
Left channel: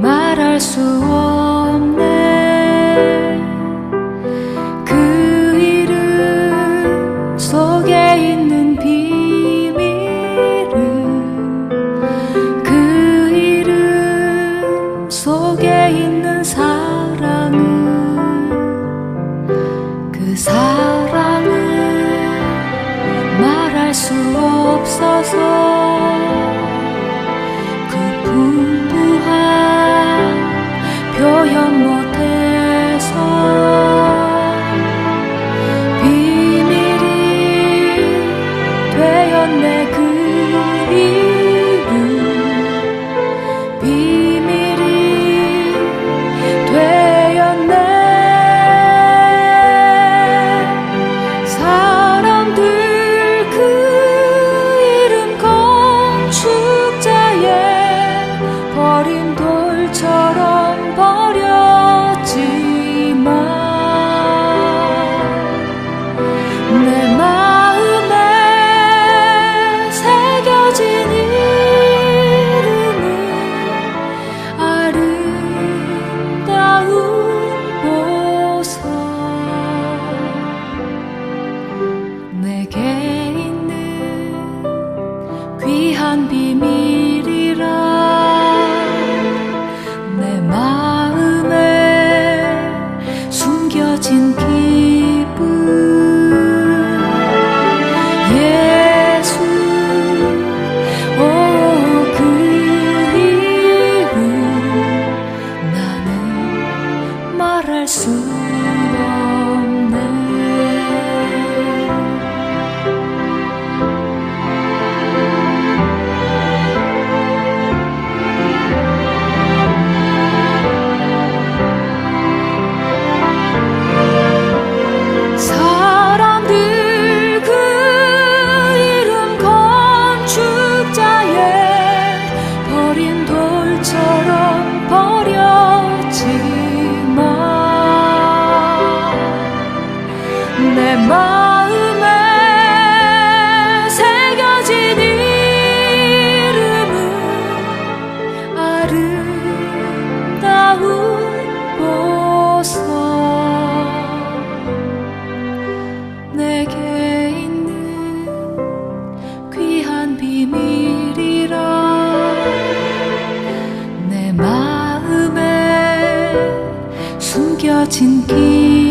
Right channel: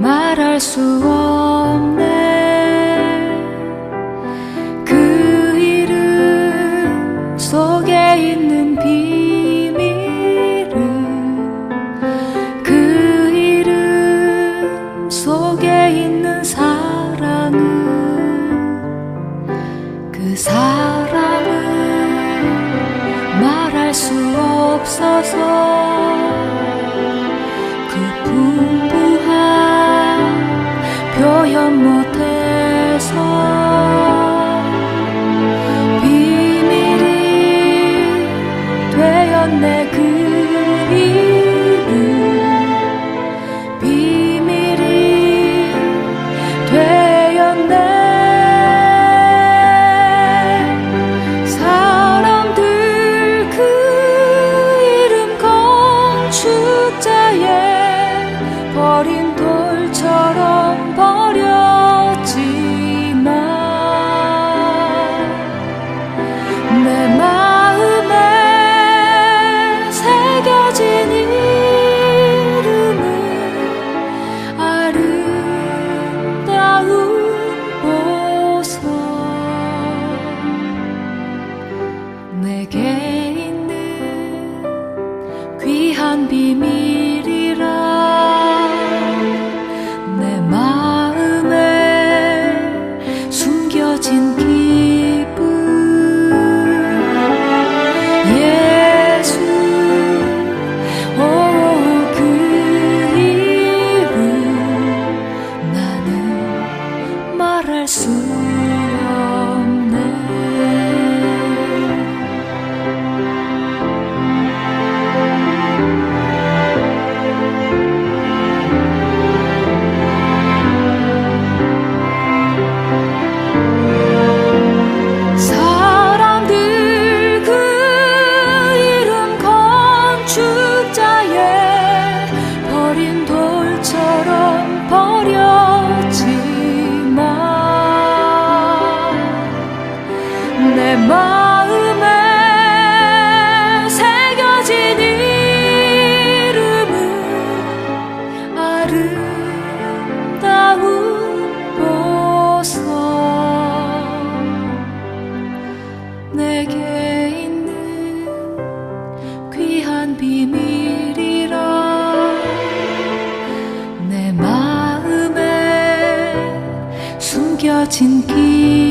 말할 수 없네. 그 이름 속에 있는 비밀은, 그 이름 속에 있는 사랑은, 그 사랑은 말할 수 없어서 그 풍부한 표현 못해서 비밀이 되었네. 그 이름 비밀이 되었네. 사람들 그 이름 건축자의 버린 돌처럼 버렸지만 내 마음에 새겨진 이름은 아름다운 보석. 내게 있는 귀한 비밀이라 내 마음에 숨겨진 기쁨. 예수, 오, 그 이름 나는 말할 수 없네. 사람들 그 이름 건축자의 버린 돌처럼 버렸지만 내 마음에 새겨진 이름은 아름다운 보석. 내게 있는 귀한 비밀이라 내 마음에 숨겨진 길.